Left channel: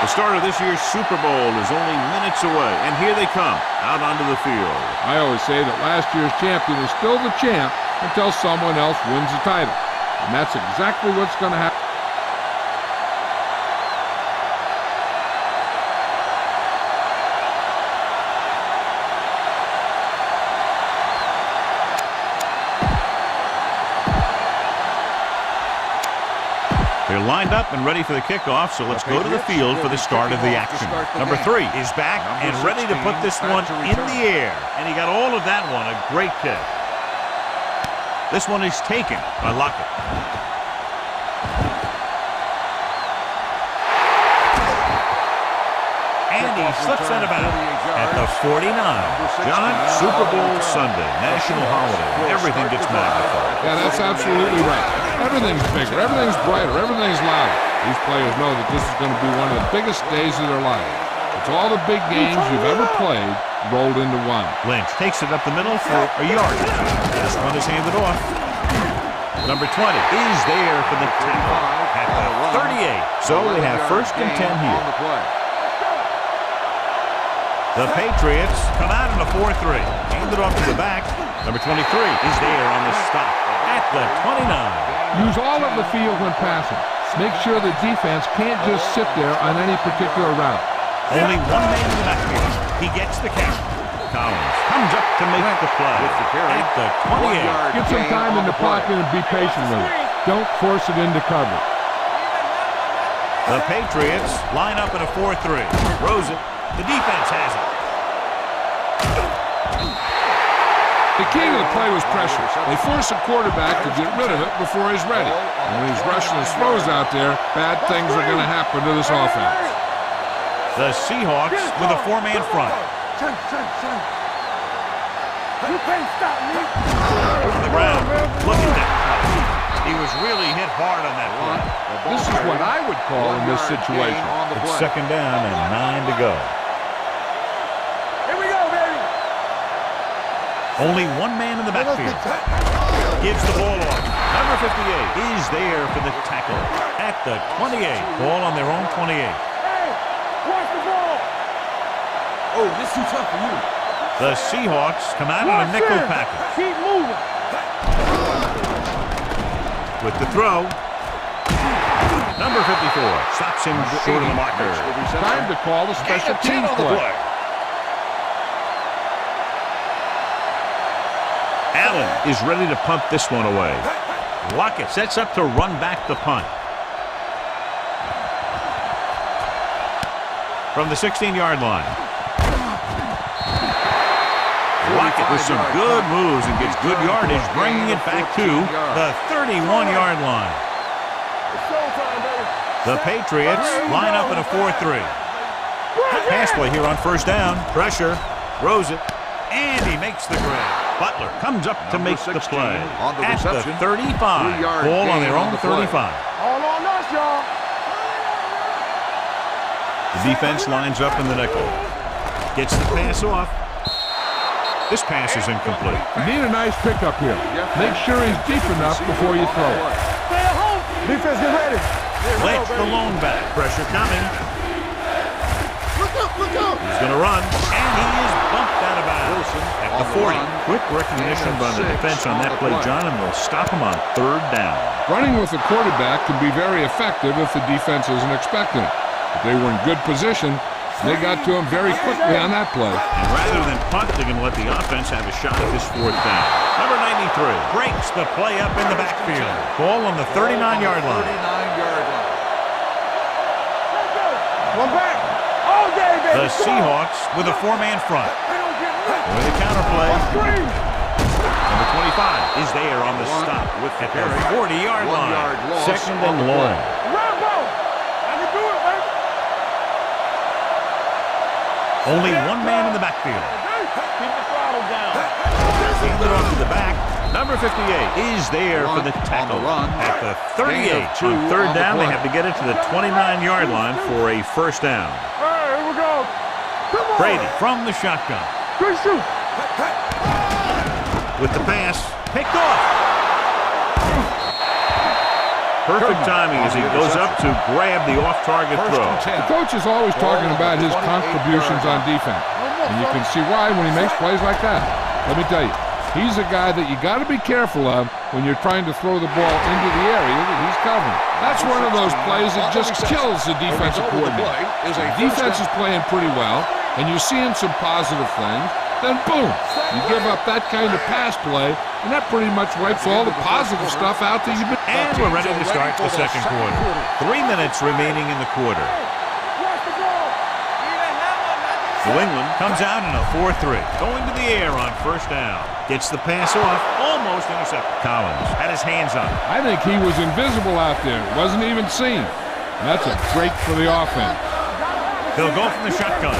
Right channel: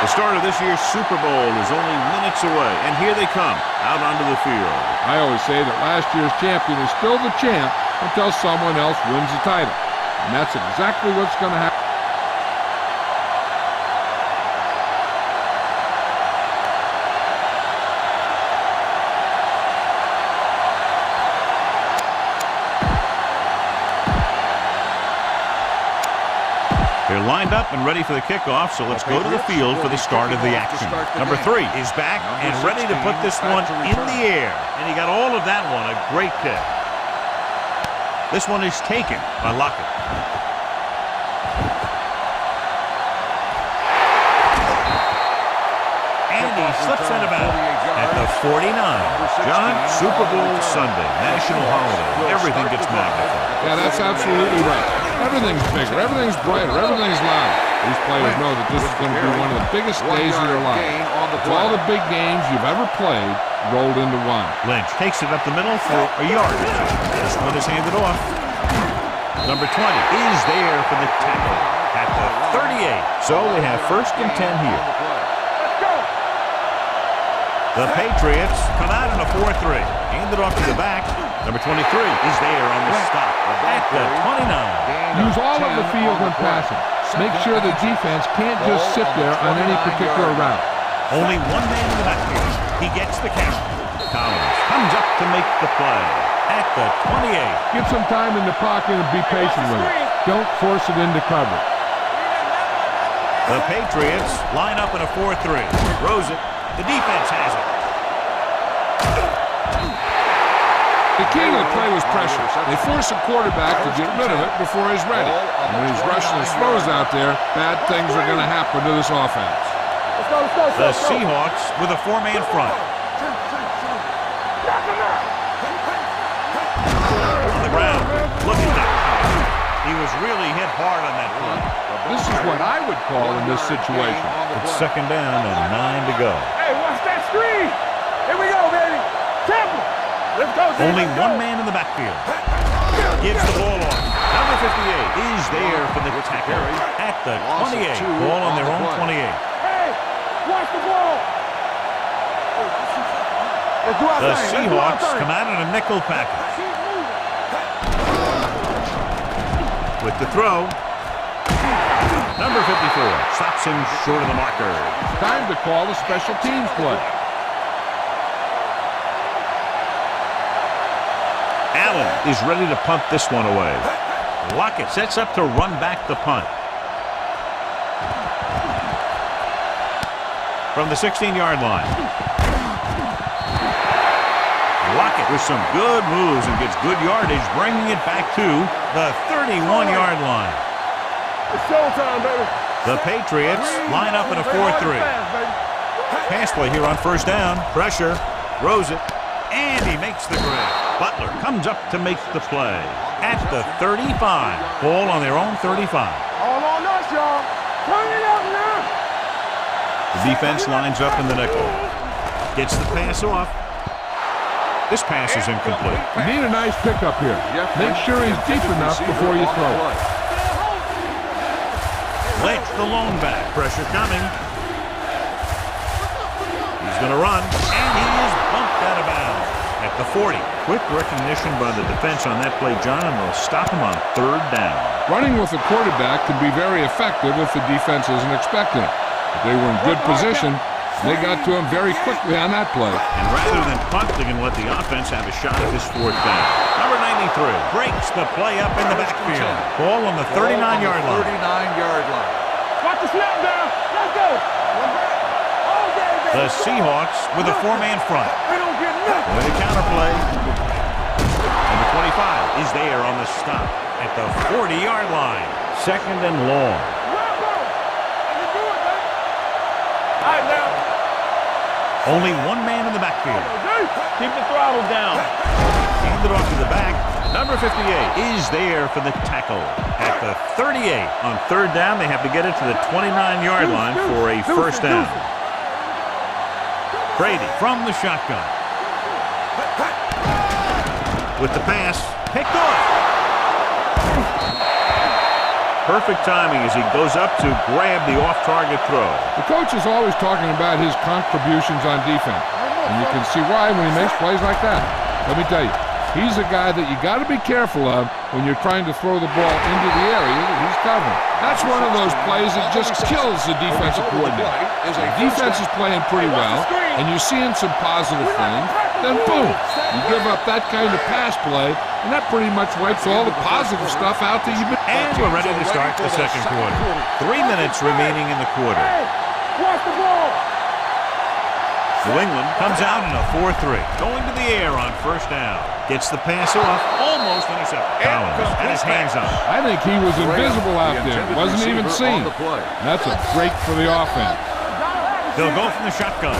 The start of this year's Super Bowl is only minutes away, and here they come, out onto the field. I always say that last year's champion is still the champ until someone else wins the title. And that's exactly what's going to happen. They're lined up and ready for the kickoff, so let's go to the field for the start of the action. Number 3 is back and ready to put this one in the air. And he got all of that one, a great kick. This one is taken by Lockett. And he slips out of bounds at the 49. John, Super Bowl Sunday, national holiday. Everything gets magnified. Yeah, that's absolutely right. Everything's bigger, everything's brighter, everything's louder. These players know that this is going to be one of the biggest days of their life. It's all the big games you've ever played rolled into one. Lynch takes it up the middle for a yard. This one is handed off. Number 20 is there for the tackle at the 38. So they have 1st and 10 here. The Patriots come out in a 4-3. Handed off to the back. Number 23 is there on the stop at the 29. Use all of the field when passing. Make sure the defense can't just sit there on any particular route. Only one man in the backfield. He gets the catch. Collins comes up to make the play at the 28. Get some time in the pocket and be patient with it. Don't force it into coverage. The Patriots line up in a 4-3. Throws it. The defense has it. The key to the play was pressure. They forced the quarterback to get rid of it before he's ready. And when he's rushing his throws out there, bad things are going to happen to this offense. The Seahawks with a 4-man front. On the ground, look at that. He was really hit hard on that play. This is what I would call in this situation. It's 2nd down and 9 to go. Hey, watch that screen. Here we go, baby. Tackle. Let's go. Only one man in the backfield. Gives the ball off. Number 58 is there for the tackle at the 28. Ball on their own 28. Hey, watch the ball. Oh, this is tough for you. The Seahawks come out in a nickel package. Keep moving. With the throw. Number 54 stops him short of the marker. Time to call a special teams play. Allen is ready to punt this one away. Lockett sets up to run back the punt. From the 16-yard line. Lockett with some good moves and gets good yardage, bringing it back to the 31-yard line. It's showtime, baby. The Patriots line up in a 4-3. Pass play here on 1st down. Pressure. Throws it. And he makes the grab. Butler comes up to make the play at the 35. Ball on their own 35. All on us, y'all. Turn it up now. The defense lines up in the nickel. Gets the pass off. This pass is incomplete. You need a nice pickup here. Make sure he's deep enough before you throw it. Stay at home. Defense, get ready. Lynch, the lone back. Pressure coming. Look up. He's going to run, and he is bumped out of bounds at the 40. Quick recognition by the defense on that play, John, and they'll stop him on 3rd down. Running with the quarterback can be very effective if the defense isn't expecting it. But they were in good position. They got to him very quickly on that play. And rather than punt, they can let the offense have a shot at this 4th down. Number 93 breaks the play up in the backfield. Ball on the 39-yard line. 39-yard line. Watch the snap down. Let's go. One back. All day, baby. The Seahawks with a 4-man front. We don't get nothing. With a counterplay. Number 25 is there on the stop at the 40-yard line. 2nd and long. Rambo. I can do it, baby. All right, now. Only one man in the backfield. Keep the throttle down. Handed off to the back. Number 58 is there for the tackle at the 38. On 3rd down, they have to get it to the 29-yard line for a 1st down. All right, here we go. Come on. Brady from the shotgun. Good shoot. With the pass, picked off. Perfect timing as he goes up to grab the off-target throw. The coach is always talking about his contributions on defense, and you can see why when he makes plays like that. Let me tell you, he's a guy that you got to be careful of when you're trying to throw the ball into the area that he's covering. That's one of those plays that just kills the defensive coordinator. The defense is playing pretty well, and you're seeing some positive things. Then boom, you give up that kind of pass play, and that pretty much wipes all the positive stuff out that you've been. And we're ready to start the second quarter. 3 minutes remaining in the quarter. Watch the ball. New England comes out in a 4-3. Going to the air on first down. Gets the pass off, almost intercepted. Collins had his hands on it. I think he was invisible out there. Wasn't even seen. And that's a break for the offense. They'll go from the shotgun.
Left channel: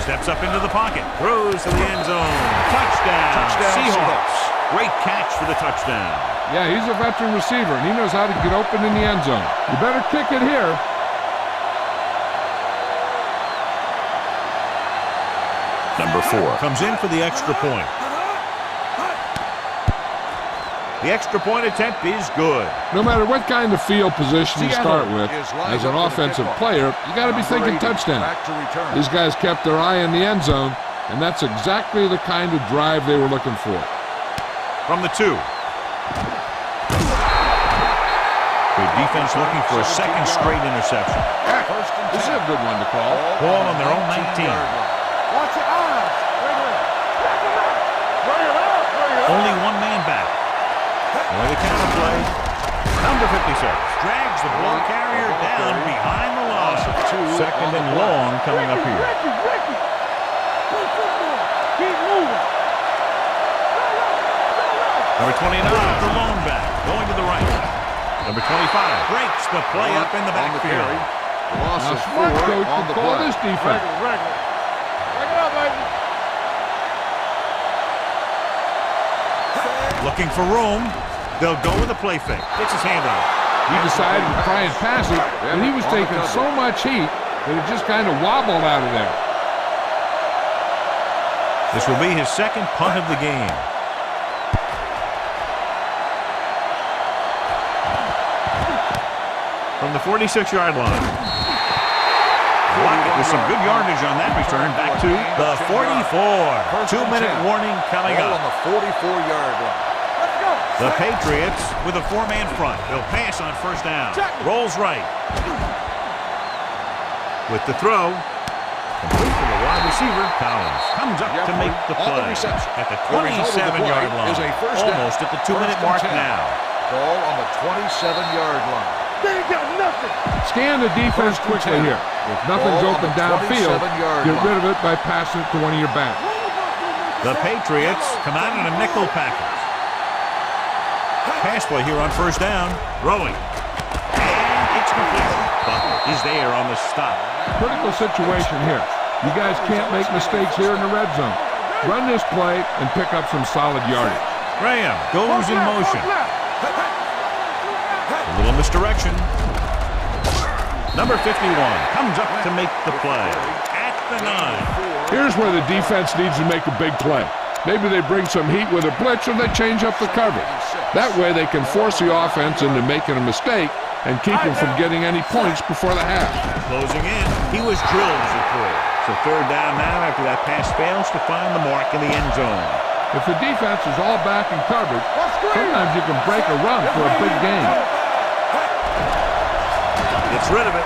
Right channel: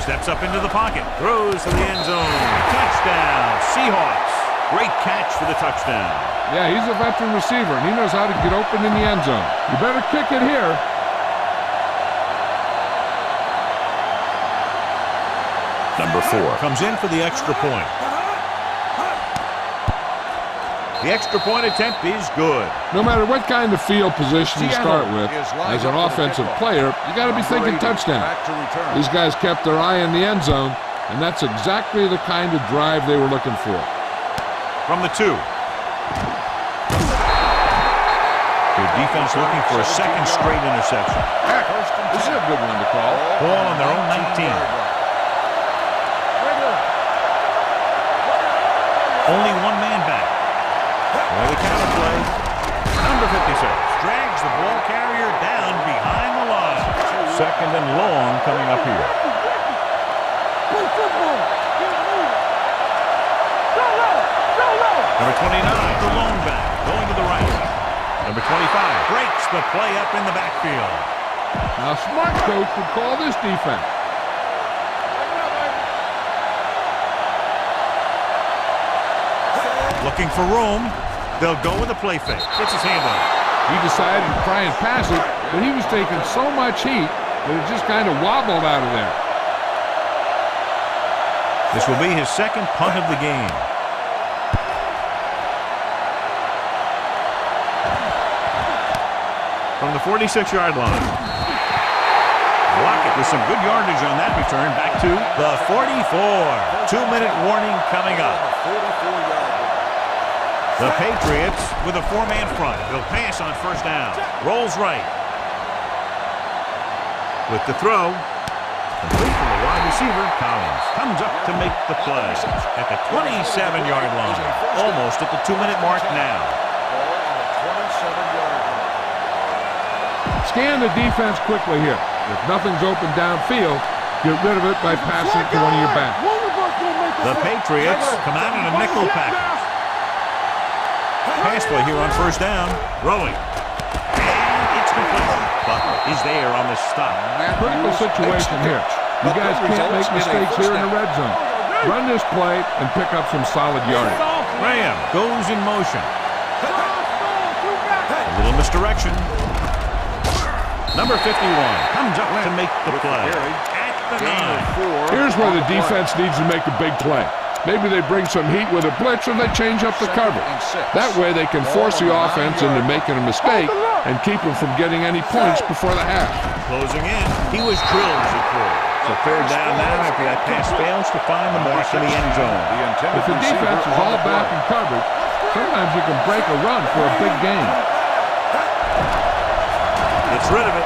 Steps up into the pocket. Throws to the end zone. Touchdown, Seahawks. Great catch for the touchdown. Yeah, he's a veteran receiver, and he knows how to get open in the end zone. You better kick it here. Number 4 comes in for the extra point. The extra point attempt is good. No matter what kind of field position you start with, as an offensive player, you got to be thinking touchdown. These guys kept their eye on the end zone, and that's exactly the kind of drive they were looking for. From the 2. Good defense looking for a second straight interception. This is a good one to call. Ball on their own 19. Only one man back. Or the counter play. Number 56 drags the ball carrier down behind the line. Second and long coming up here. Play football. Keep moving. Number 29, the lone back, going to the right. Number 25 breaks the play up in the backfield. Now, smart coach would call this defense. Looking for room. They'll go with a play fake. Gets his hand on it. He decided to try and pass it, but he was taking so much heat that it just kind of wobbled out of there. This will be his second punt of the game. From the 46-yard line. Lockett with some good yardage on that return. Back to the 44. 2-minute warning coming up. On the 44-yard line. The Patriots with a 4-man front. They'll pass on first down. Rolls right. With the throw. Complete to the wide receiver. Collins comes up to make the play. At the 27-yard line. Almost at the 2-minute mark now. Ball on the 27-yard line. Scan the defense quickly here. If nothing's open downfield, get rid of it by passing it to one of your backs. The Patriots come out in a nickel package. Pass play here on first down. Throwing. And it's complete. Butler is there on the stop. Critical situation here. You guys can't make mistakes here in the red zone. Run this play and pick up some solid yardage. Graham goes in motion. A little misdirection. Number 51 comes up to make the play at the 9. Here's where the defense needs to make a big play. Maybe they bring some heat with a blitz or they change up the coverage. That way they can force the offense into making a mistake and keep them from getting any points before the half. Closing in, he was drilled as a throw. So third down now after that pass fails to find the mark in the end zone. If the defense is all back in coverage, sometimes you can break a run for a big gain. Gets rid of it.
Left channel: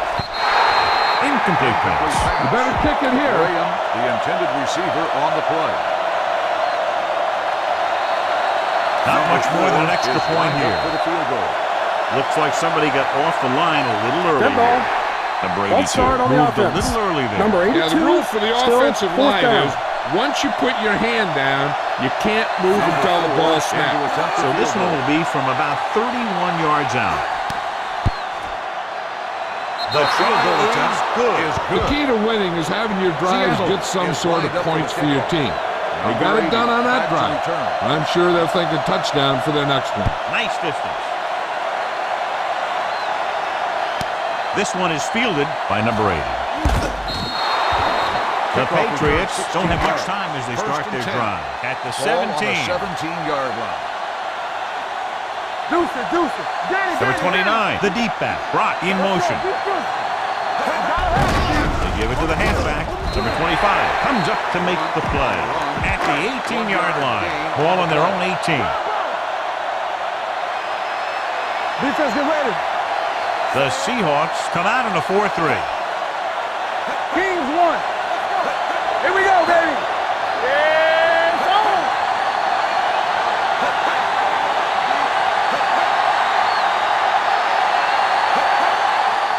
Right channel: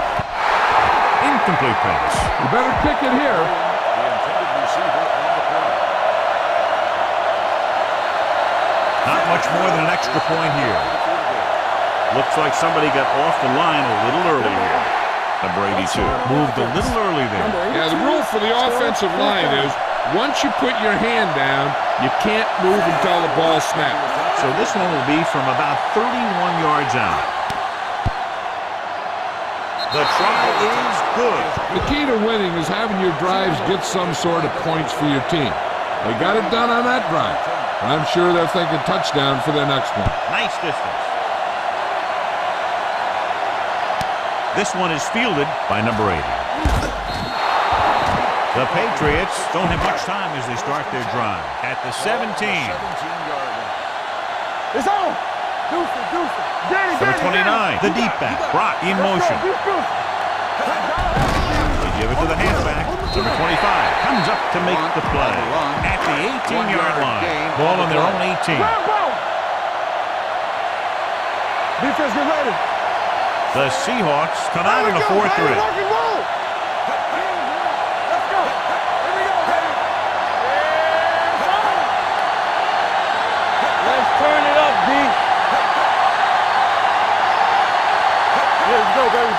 Incomplete pass. You better kick it here. The intended receiver on the play. Not much more than an extra point here. Looks like somebody got off the line a little early here. Number 82 moved a little early there. Yeah, the rule for the offensive line is once you put your hand down, you can't move until the ball snaps. So this one will be from about 31 yards out. The try is good. The key to winning is having your drives get some sort of points for your team. They got it done on that drive. But I'm sure they're thinking touchdown for their next one. Nice distance. This one is fielded by number 80. The Patriots don't have much time as they start their drive. At the 17. 17-yard line. It's on. Number 29, the deep back, Brock in motion. They give it to the halfback. Number 25 comes up to make the play at the 18-yard line. Ball on their own 18. Defense, get ready. The Seahawks come out in a 4-3. Kings one. Let's go. Here we go, baby. Yeah, it's on. Let's turn it up, D. Let's go, baby.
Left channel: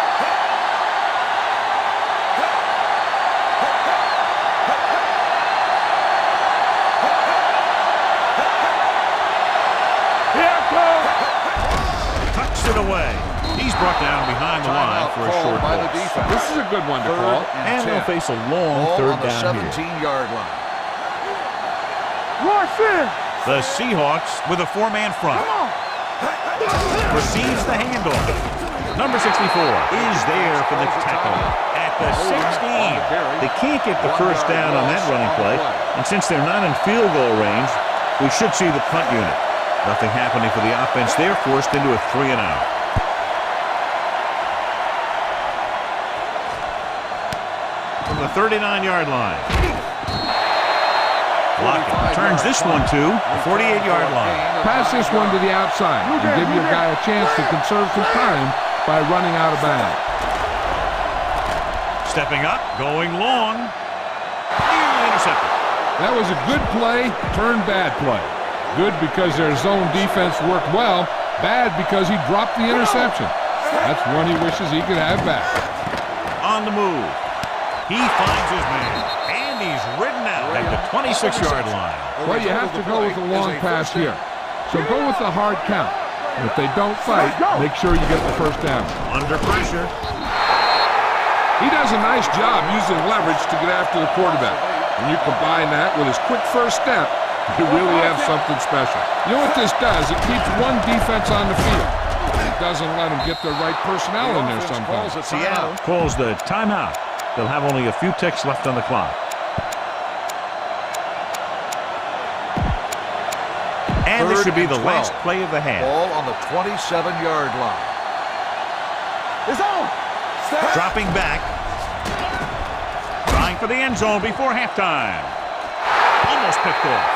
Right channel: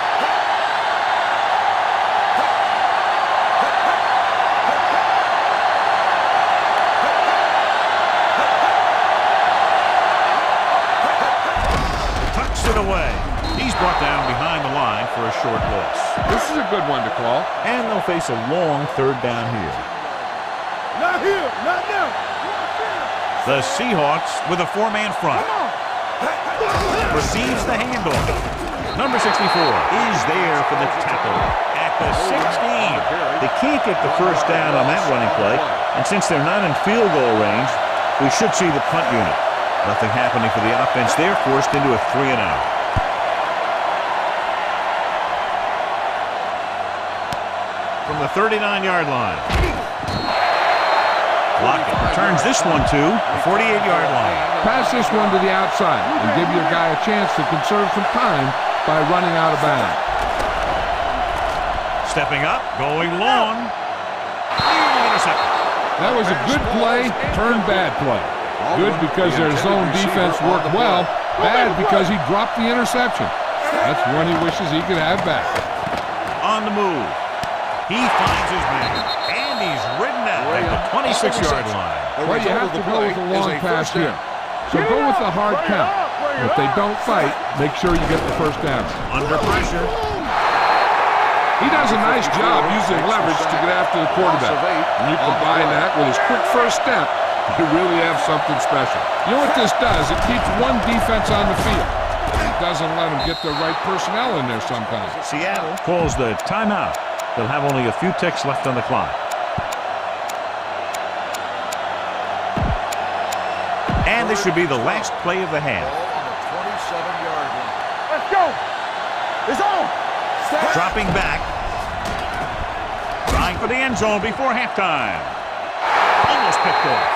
Tucks it away. He's brought down behind the line for a short loss. This is a good one to call. And they'll face a long third down here. Not here, not now. Watch in. The Seahawks with a four-man front. Come on. Receives the handoff. Number 64 is there for the tackle at the 16. They can't get the first down on that running play. And since they're not in field goal range, we should see the punt unit. Nothing happening for the offense. They're forced into a 3-and-out. From the 39-yard line. Lockett returns this one to the 48-yard line. Pass this one to the outside and give your guy a chance to conserve some time by running out of bounds. Stepping up, going long. Nearly intercepted. That was a good play, turned bad play. Good because their zone defense worked well. Bad because he dropped the interception. That's one he wishes he could have back. On the move. He finds his man. And he's ridden out at the 26-yard line. Well, you have to go with a long pass here. So go with the hard count. If they don't fight, make sure you get the first down. Under pressure. He does a nice job using leverage to get after the quarterback. When you combine that with his quick first step, you really have something special. You know what this does? It keeps one defense on the field. It doesn't let them get the right personnel in there sometimes. Seattle calls the timeout. They'll have only a few ticks left on the clock. And this should be the last play of the half. Ball on the 27-yard line. Let's go. It's on. Dropping back. Trying for the end zone before halftime. Almost picked off.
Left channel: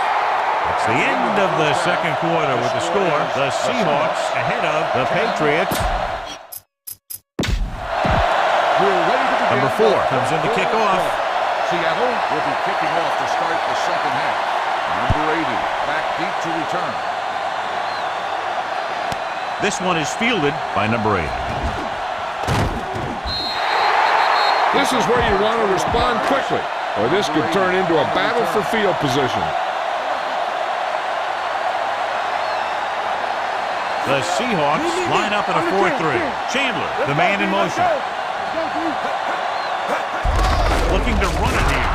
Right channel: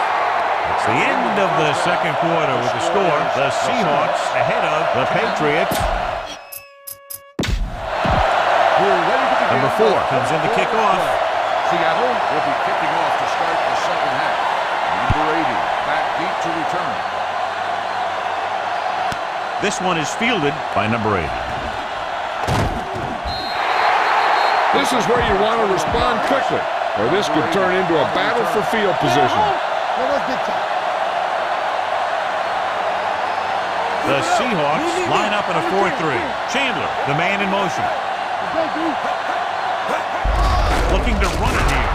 It's the end of the second quarter with the score. The Seahawks ahead of the Patriots. We're ready to begin. Number 4 comes in to kick off. Seattle will be kicking off to start the second half. Number 80 back deep to return. This one is fielded by number 80. This is where you want to respond quickly, or this could turn into a battle for field position. The Seahawks line up in a 4-3. Chandler, the man in motion. Looking to run it here.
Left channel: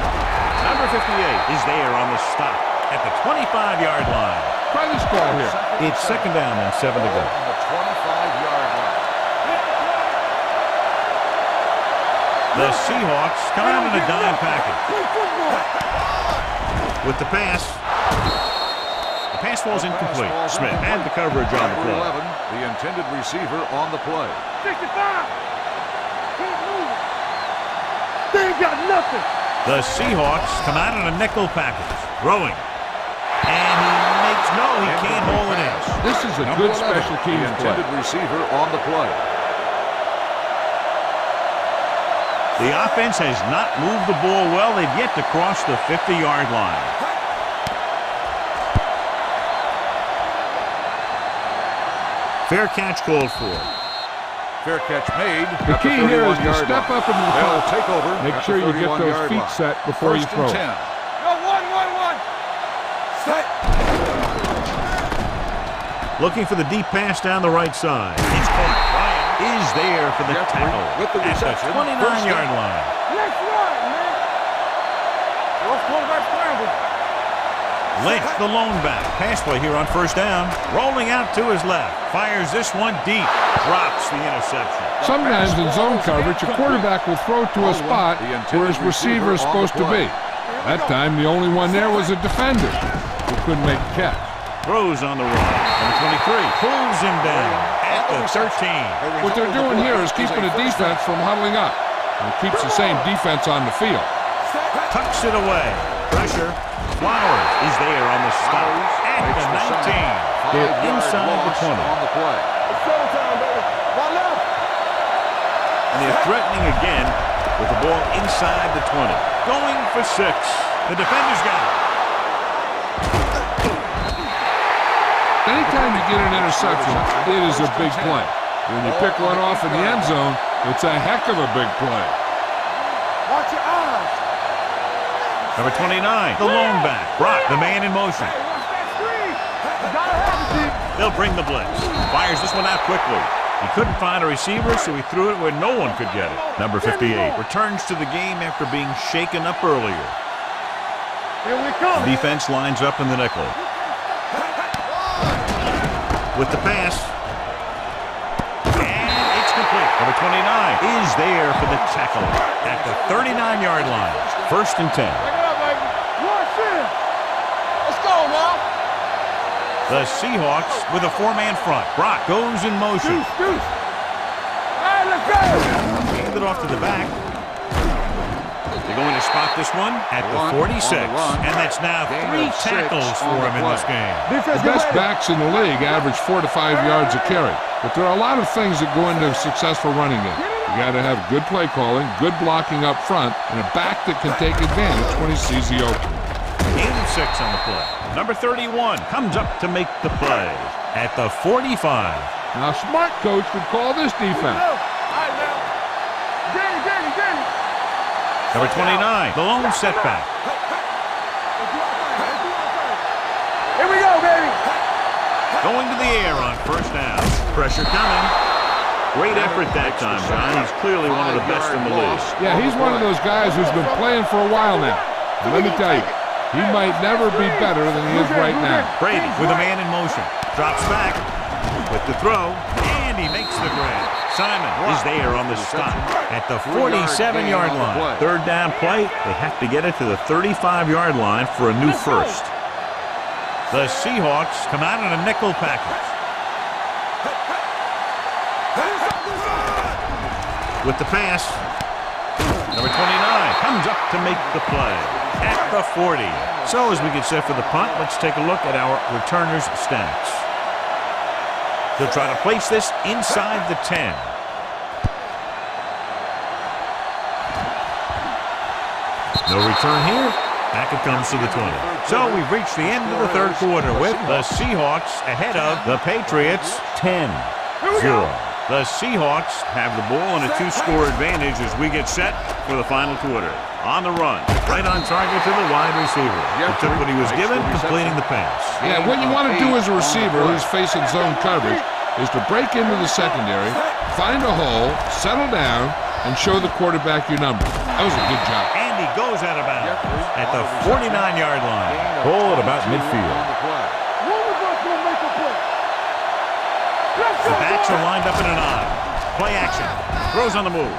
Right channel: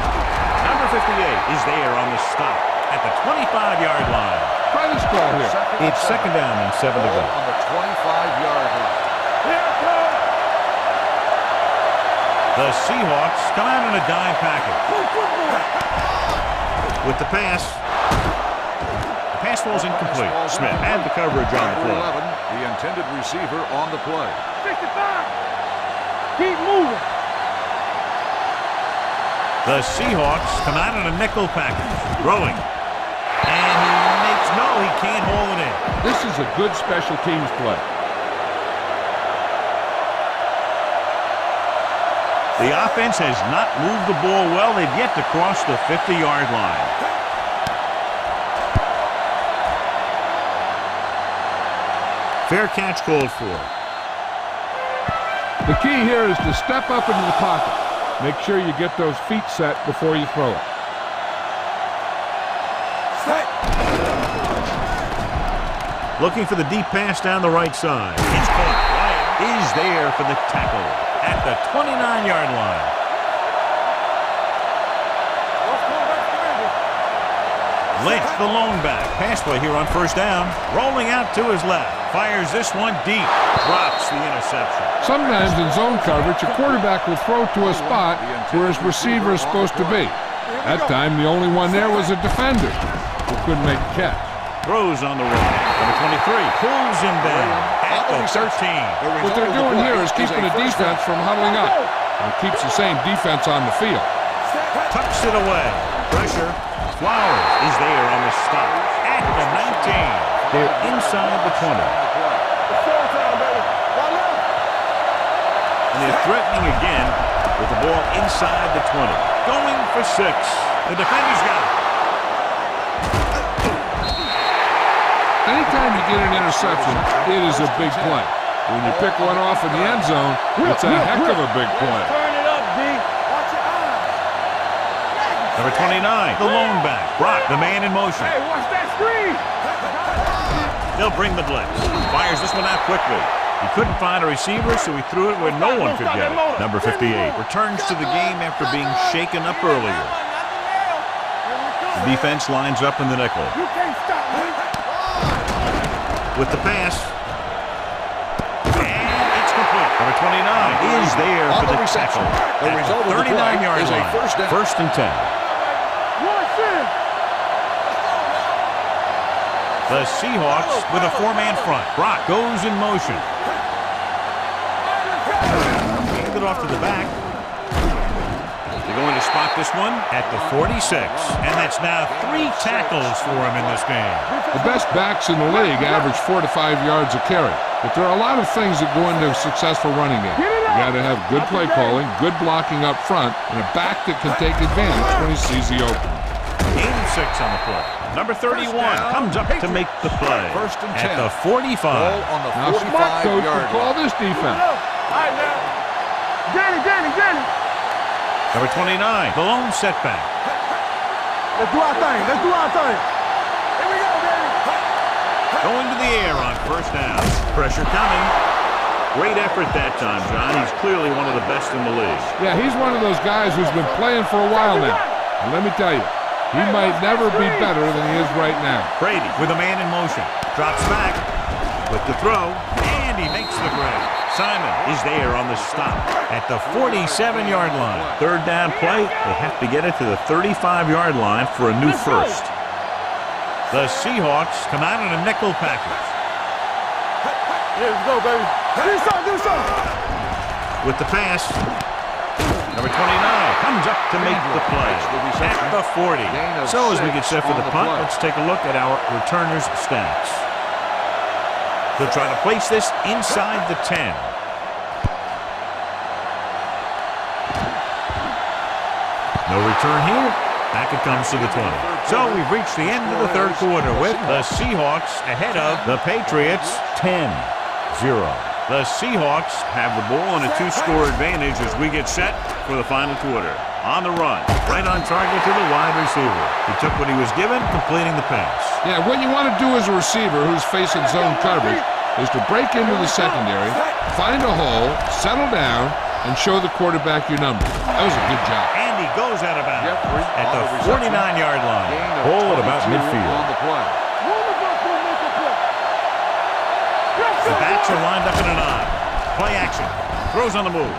Number 58 is there on the stop at the 25-yard line. Try this call here. It's second down and 7 to go. On the 25-yard line. The Seahawks come out in a dime package. With the pass. The pass falls incomplete. Smith had the coverage on the play. 11, the intended receiver on the play. 65. Keep moving. They ain't got nothing. The Seahawks come out in a nickel package. Throwing. And he can't hold it in. This is a good special teams play. Receiver on the play. The offense has not moved the ball well. They've yet to cross the 50-yard line. Fair catch called for. Fair catch made. The key here is to step up into the pocket. Make sure you get those feet set before you throw it. Looking for the deep pass down the right side. It's caught. Ryan is there for the tackle at the 29-yard line. Let's run, man. What's quarterback scramble? Lynch, the lone back. Pass play here on first down. Rolling out to his left. Fires this one deep. Drops the interception. Sometimes in zone coverage, a quarterback will throw to a spot where his receiver is supposed to be. That time, the only one there was a defender who couldn't make a catch. Throws on the run. Number 23 pulls him down at the 13. What they're doing here is keeping the defense from huddling up. And it keeps the same defense on the field. Tucks it away. Pressure. Flowers is there on the stop at the 19. They're inside the 20. It's showtime, baby. One left. And they're threatening again with the ball inside the 20. Going for 6. The defender's got it. Anytime you get an interception, it is a big play. When you pick one off in the end zone, it's a heck of a big play. Turn it up, D. Watch your eyes. Number 29, the lone back. Brock, the man in motion. Hey, watch that screen. You gotta have it, D. They'll bring the blitz. Fires this one out quickly. He couldn't find a receiver, so he threw it where no one could get it. Number 58 returns to the game after being shaken up earlier. Here we come. The defense lines up in the nickel. You can't stop me. With the pass. And it's complete. Number 29 is there for the tackle at the 39-yard line. First and 10. Back it up, baby. Rush in. Let's go now. The Seahawks with a 4-man front. Brock goes in motion. All right, let's go. Hand it off to the back. They're going to spot this one at the 46. And that's now 3 tackles for him in this game. The best backs in the league average 4 to 5 yards a carry. But there are a lot of things that go into a successful running game. You got to have good play calling, good blocking up front, and a back that can take advantage when he sees the open. Gain of 6 on the play. Number 31 comes up to make the play at the 45. Now, a smart coach would call this defense. All right, now. Danny. Number 29, the lone setback. Let's do our thing. Here we go, baby. Going to the air on first down. Pressure coming. Great effort that time, John. He's clearly one of the best in the league. Yeah, he's one of those guys who's been playing for a while now. And let me tell you, he might never be better than he is right now. Brady with a man in motion. Drops back with the throw, and he makes the grab. Simon is there on the stop at the 47-yard line. Third down play. They have to get it to the 35-yard line for a new first. The Seahawks come out in a nickel package. Here we go, baby. Do something. With the pass, number 29 comes up to make the play at the 40. So as we get set for the punt, let's take a look at our returners' stats. He'll try to place this inside the 10. No return here. Back it comes to the 20. So we've reached the end of the third quarter with the Seahawks ahead of the Patriots 10-0. The Seahawks have the ball in a 2-score advantage as we get set for the final quarter. On the run, right on target to the wide receiver. He took what he was given, completing the pass. Yeah, what you want to do as a receiver who's facing zone coverage is to break into the secondary, find a hole, settle down, and show the quarterback your number. That was a good job. And he goes out of bounds at the 49-yard line. Ball at about midfield. One of us will make a play. The backs are lined up in an I. Play action. Throws on the move.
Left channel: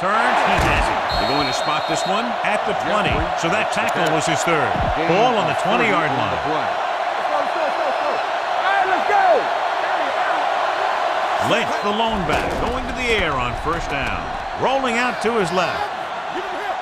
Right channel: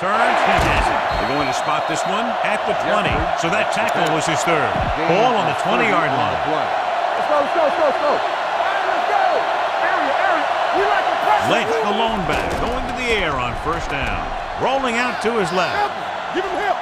Turns. He has it. They're going to spot this one at the 20. So that tackle was his third. Ball on the 20-yard line. Let's go. All right, let's go. Area. You like to press. Lynch, the lone back, going to the air on first down. Rolling out to his left. Give him help.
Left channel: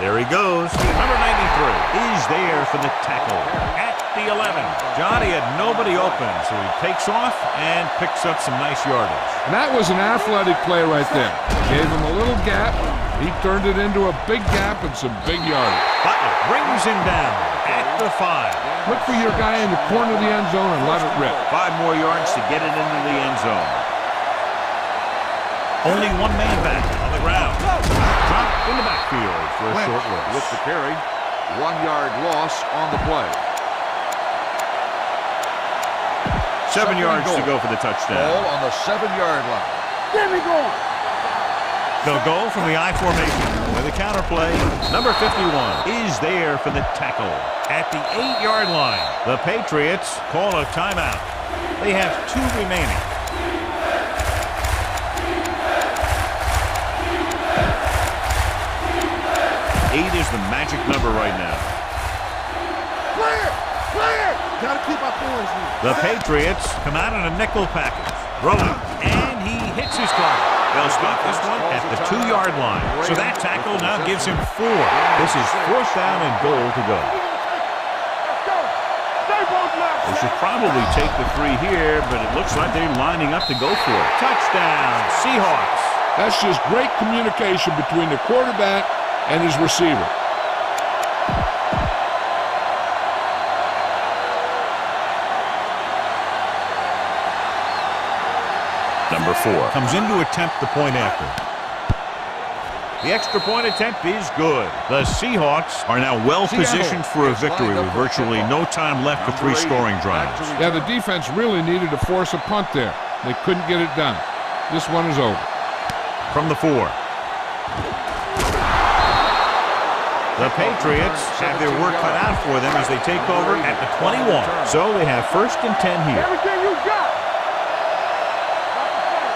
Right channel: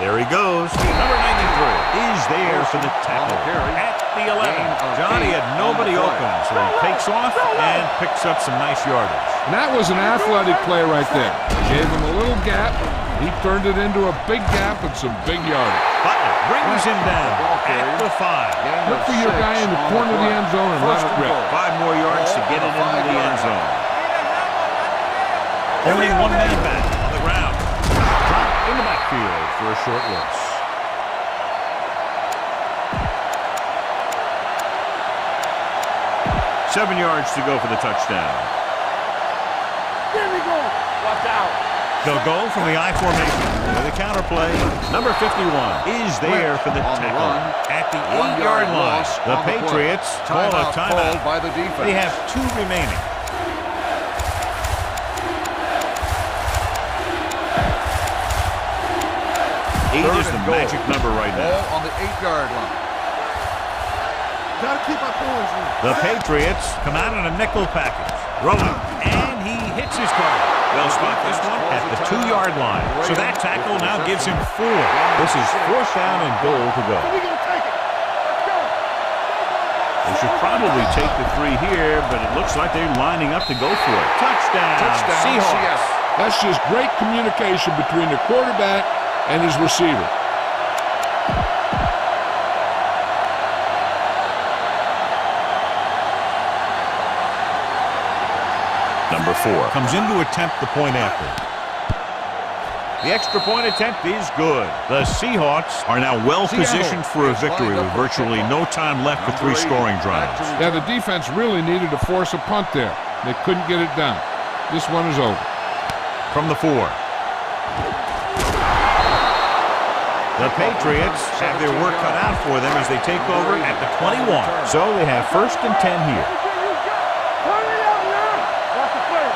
There he goes. Number 93 is there for the tackle at the 11. Johnny had nobody open, so he takes off and picks up some nice yardage. And that was an athletic play right there. Gave him a little gap. He turned it into a big gap and some big yardage. Butler brings him down at the 5. Look for your guy in the corner of the end zone and let it rip. 5 more yards to get it into the end zone. Only one man back on the ground. Dropped in the backfield for a short loss. With the carry, 1-yard loss on the play. 7 yards to go for the touchdown. Ball on the 7-yard line. Get me going. Watch out. They'll go from the I formation with a counter play. Number 51 is there for the tackle at the 8-yard line. The Patriots call a timeout. They have 2 remaining. 8 is the magic number right now. On the 8-yard line. Clear. Got to keep our points in. The Patriots come out in a nickel package. Throwing, and he hits his target. They'll spot this one at the 2-yard line. So that tackle now gives him 4. This is 4th down and goal to go. We're going to take it. Let's go. Stay both left. They should probably take the 3 here, but it looks like they're lining up to go for it. Touchdown, Seahawks. That's just great communication between the quarterback and his receiver. Number 4 comes in to attempt the point after. The extra point attempt is good. The Seahawks are now well positioned for a victory with virtually no time left for 3 scoring drives. Yeah, the defense really needed to force a punt there. They couldn't get it done. This one is over. From the 4. The Patriots have their work cut out for them as they take over at the 21. So they have 1st and 10 here. Everything you got. Turn it out now. Watch the play.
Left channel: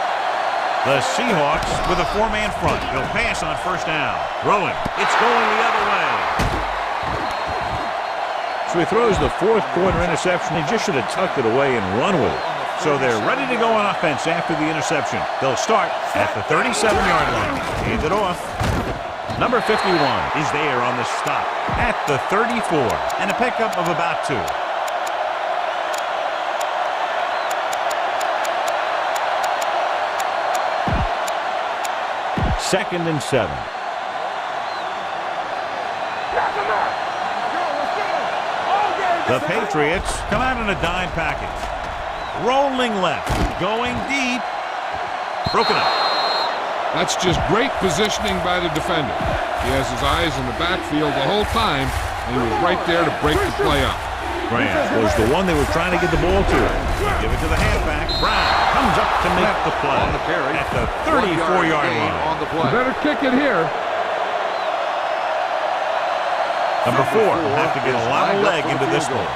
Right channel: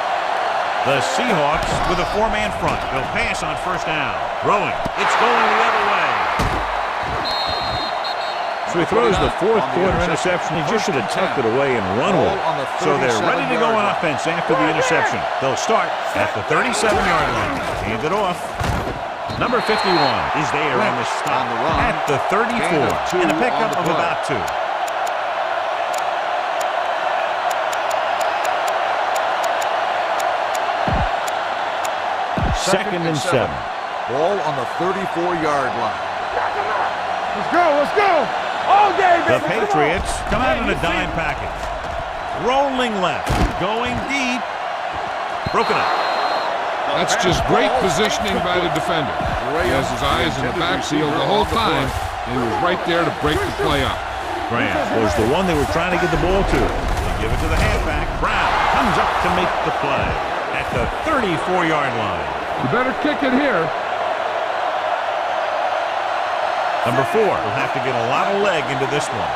The Seahawks with a 4-man front. They'll pass on 1st down. Throwing. It's going the other way. So he throws the 4th quarter interception. He just should have tucked it away and run with it. So they're ready to go on offense after the interception. They'll start at the 37-yard line. Hand it off. Number 51 is there on the stop at the 34 and a pickup of about 2. Second and 7. Ball on the 34-yard line. Knock him out. Let's go. Let's go. All day, baby. The Patriots come out in a dime package. Rolling left. Going deep. Broken up. That's just great positioning by the defender. He has his eyes in the backfield the whole time, and he was right there to break the play up. Grant was the one they were trying to get the ball to. They give it to the halfback. Brown comes up to make the play at the 34-yard line. You better kick it here. Number 4 will have to get a lot of leg into this one.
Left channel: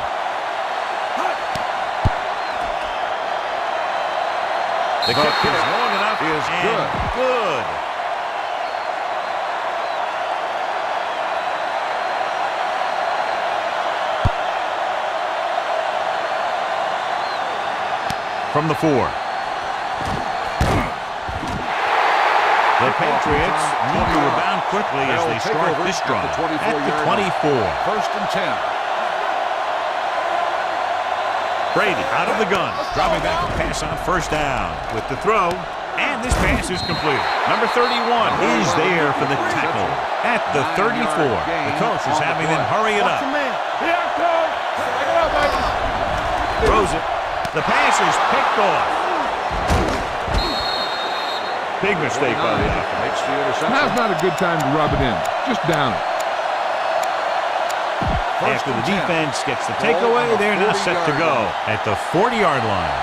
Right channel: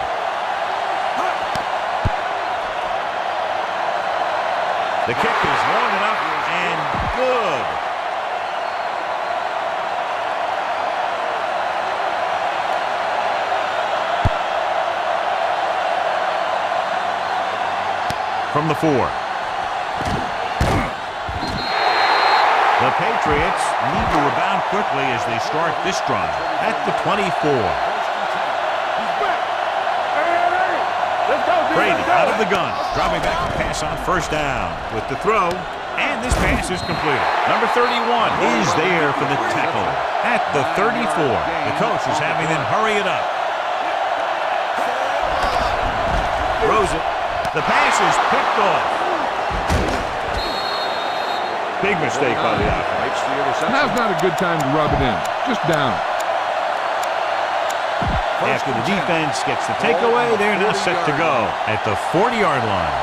The kick is long enough and good. From the 4. The Patriots need to rebound quickly as they start this drive at the 24. 1st and 10. Brady out of the gun, dropping back to pass on 1st down with the throw, and this pass is completed. Number 31 is there for the tackle at the 34. The coach is having them hurry it up. Throws it. The pass is picked off. Big mistake by the offense. Makes the interception. Now's not a good time to rub it in. Just down it. After the defense gets the takeaway, they're now set to go at the 40-yard line.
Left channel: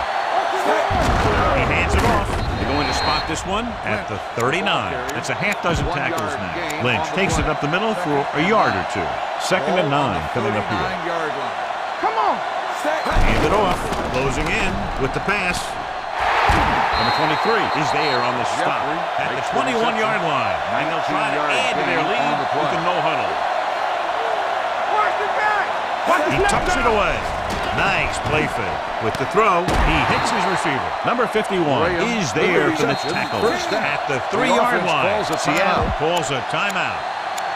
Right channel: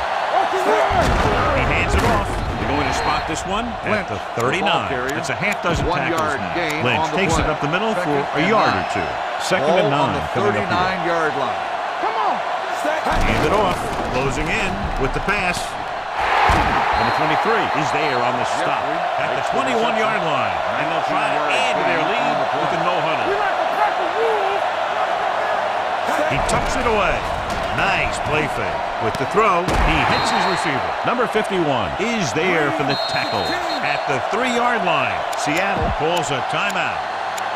He hands it off. They're going to spot this one at the 39. That's a half dozen tackles now. Lynch takes it up the middle for a yard or 2. 2nd and 9 coming up here. 39-yard line. Come on. Hand it off. Closing in with the pass. Number 23 is there on the stop at the 21-yard line. And they'll try to add to their lead with a no huddle. He tucks it away. Nice play fake. With the throw, he hits his receiver. Number 51 is there for the tackle at the 3-yard line. Seattle calls a timeout.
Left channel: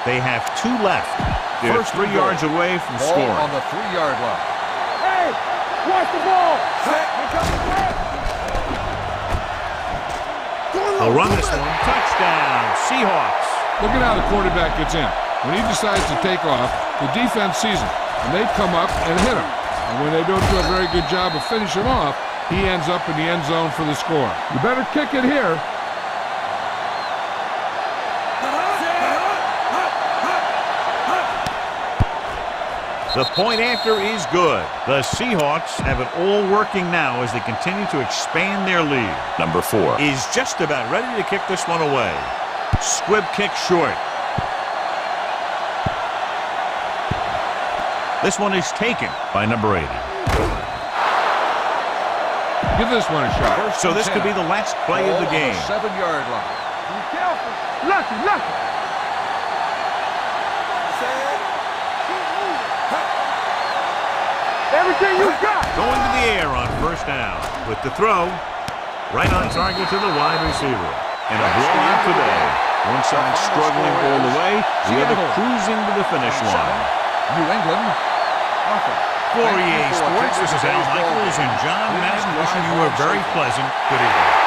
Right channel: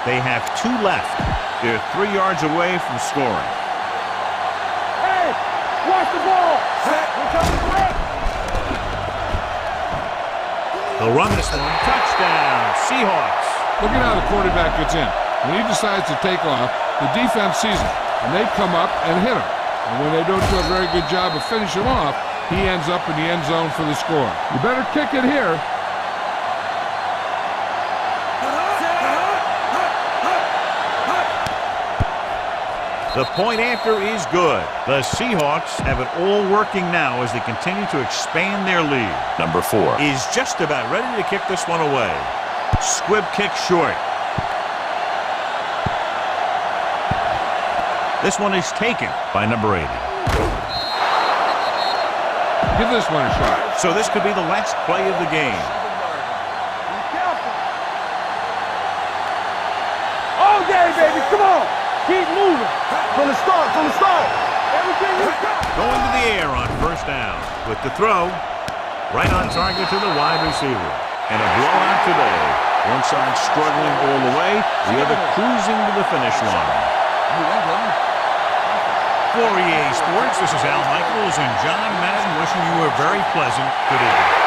They have 2 left. They're 3 yards away from scoring. On the 3-yard line. Hey, watch the ball. Here comes the threat. They'll run this one. Touchdown, Seahawks. Look at how the quarterback gets in. When he decides to take off, the defense sees him, and they come up and hit him. And when they don't do a very good job of finishing him off, he ends up in the end zone for the score. You better kick it here. The point after is good. The Seahawks have it all working now as they continue to expand their lead. Number 4 is just about ready to kick this one away. Squib kick short. This one is taken by number 80. Give this one a shot. So this could be the last play of the game. 7-yard line. Be careful. Lucky. All day, baby. Come on. Keep moving. From the start. Everything you got. Going to the air on first down. With the throw, right on target to the wide receiver. And a blowout today. One side struggling all the way, the other cruising to the finish line. New England. For EA Sports, this is Al Michaels and John Madden wishing you a very pleasant good evening.